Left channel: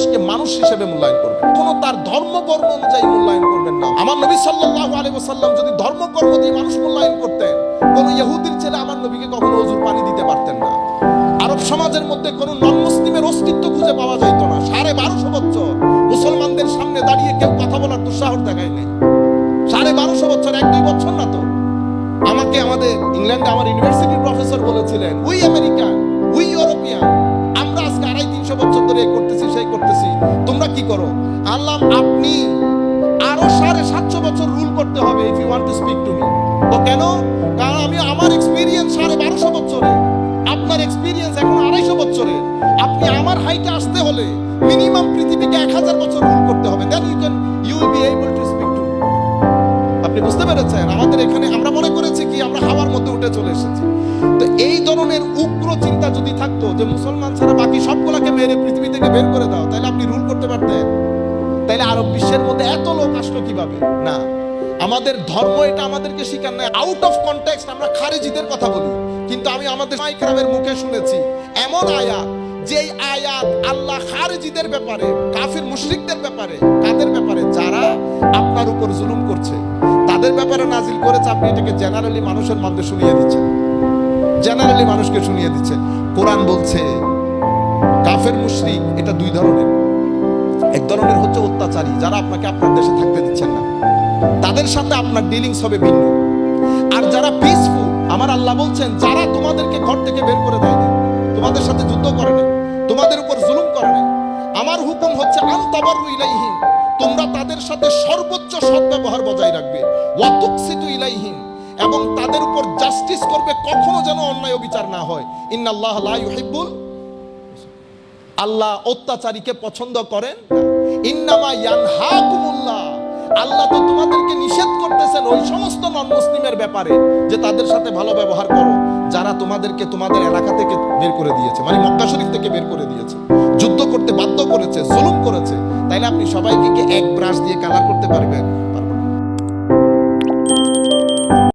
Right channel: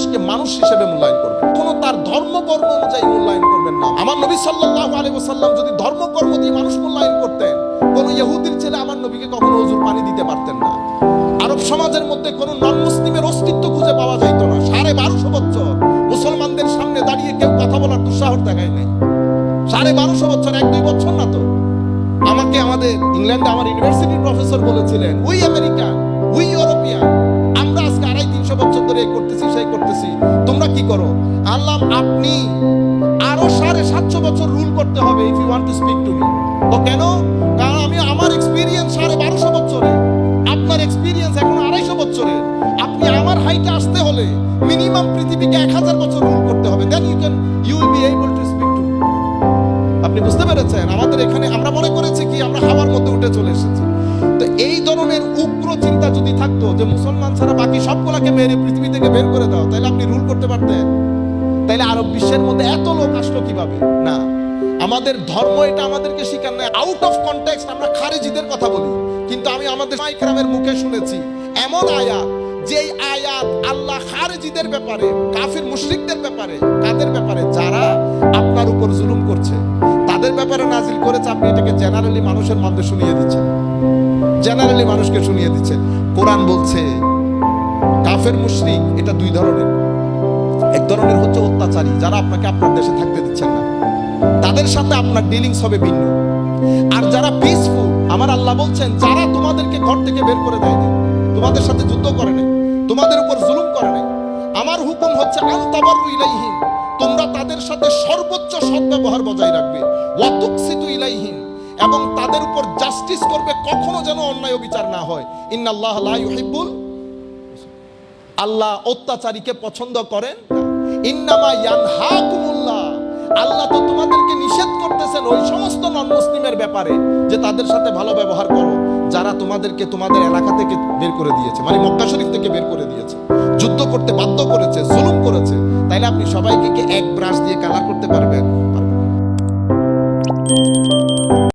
মানুষকে মানুষ হিসেবে মূল্যায়ন করবেন, কোনো তার ধর্মকর্ম অনুযায়ী মূল্যায়ন করবেন না। আমার নবী সাল্লাল্লাহু আলাইহি ওয়াসাল্লাম যদি ধর্মকর্ম দিয়ে মানুষ মূল্যায়ন করতেন, কোন ইহুদির ছেলে আমার নবীকে কখনো ওযুর পানি দিতে পারতেন না। আরব সমাজের মধ্যে কোনো নন মুসলিমের অস্তিত্ব খুঁজে পাওয়া যাইতো না। 1250 বছর মুসলমানদের সামনে দাঁড়িয়ে কেউ কথা বলার দুঃসাহস দেখায় নাই। 1250 বছর, 1-2 বছর না তো। আমাকে আমাদের ইংল্যান্ডে আমার ইউনিভার্সিটির প্রফেসর বলেছিলেন, উই আমেরিকান, উই ইউরোপিয়ান, আমরা আজকে 250-300 বছর ধরে করতেছি, সেই করতেছি, তোমরা কি করো? আল্লাহ, আপনি আরো 750 বছর রুল করতে হবে if you want to speak to me. তো কেন? কারণ আমি আমার এক্সপিরিয়েন্স 1250 বছরে, আপনার এক্সপিরিয়েন্স এখন 250 বছরের। আপনি আমার হাইটে আসতে হলে মিনিমাম পৃথিবীকে 1000 বছর রুল করতে হবে, then you will be able to speak to me. আপনি বুঝতে পেরেছেন? আমাদের এখানে আমরা মনে করেছি কি আমরা হাওয়ার মধ্যে উঠে চলে এসেছি। তো এই ধরনের উগ্র চিন্তা যদি থাকতো যে মুসলমান ছাড়া বাকি সবগুলাকে মেরে পৃথিবী থেকে বের করে দাও, তাহলে আপনি রুল করতে পারতেন? তাইলে আরব বিশ্বের মধ্যে এত লোক আসলো কিভাবে? না, আমাদের ধর্ম এটা আমাদেরকে শিখান না। আউট অফ কনটেক্সট আমরা খারিজিদের কথা বলি, কিন্তু আমি আমাদের মাইকরামের মুখে শুনেছি এমন আয়াত, যে আয়াত আল্লাহ খারিজিদের ব্যাপারে, কাফির মুশরিকদের ব্যাপারে, কাদের ব্যাপারে? যারা আপনার উপর জুলুম করছে তাদের ব্যাপারে নাজিল করেছে। আপনি এটাকে জেনারেলি মানুষের মধ্যে শুনিয়ে দিচ্ছেন, জেনারেলি মানুষকে শুনিয়ে দিচ্ছেন। কোরআন বলছে কাফের মুশরিক এটা 2 ধরনের। এক ধরনের হচ্ছে অত্যাচারী, যারা আপনাকে আপনার দেশে থাকতে দিচ্ছেন না, তাদের সাথে আপনার ডিলিংস হবে ভিন্ন। আর যারা পিসফুল, আমার আল্লাহ বলছেন যারা তোমাদেরকে ঘর থেকে বের করে দেয়নি, তোমাদের সাথে যুদ্ধ করে নাই, তোমাদের উপর জুলুম করে নাই, আমার হুকুম হচ্ছে আনতাবাররু ইলাইহিম, তোমরা তাদের সাথে সর্বোচ্চ সদ্ব্যবহার বজায় রাখবে, ওয়া তুকসিতু ইলাইহিম, এবং তাদের উপর জাস্টিস করবে, কখনো যেন অন্যায় বিচার না হয়। ইন্নাল্লাহ লা ইউহিব্বুল, আল্লাহ অত্যাচারীকে পছন্দ করেন না। ইন্নামা ইয়ানহাকুমুল্লাহ, আল্লাহ তো তোমাদেরকে নিষেধ করতেছেন ওই সমস্ত নন মুসলিমের ব্যাপারে যে তাদের সাথে ভালো ব্যবহার করো, যারা তোমাদেরকে তোমাদের এলাকা থেকে বের করে দিয়েছে, মানে মক্কা শরীফ থেকে বের করে দিয়েছে, যুদ্ধ করতে বাধ্য করেছে, জুলুম করেছে। তাইলে আপনি সবাইকে কি এক ব্রাশ দিয়ে কালার করতে পারবেন?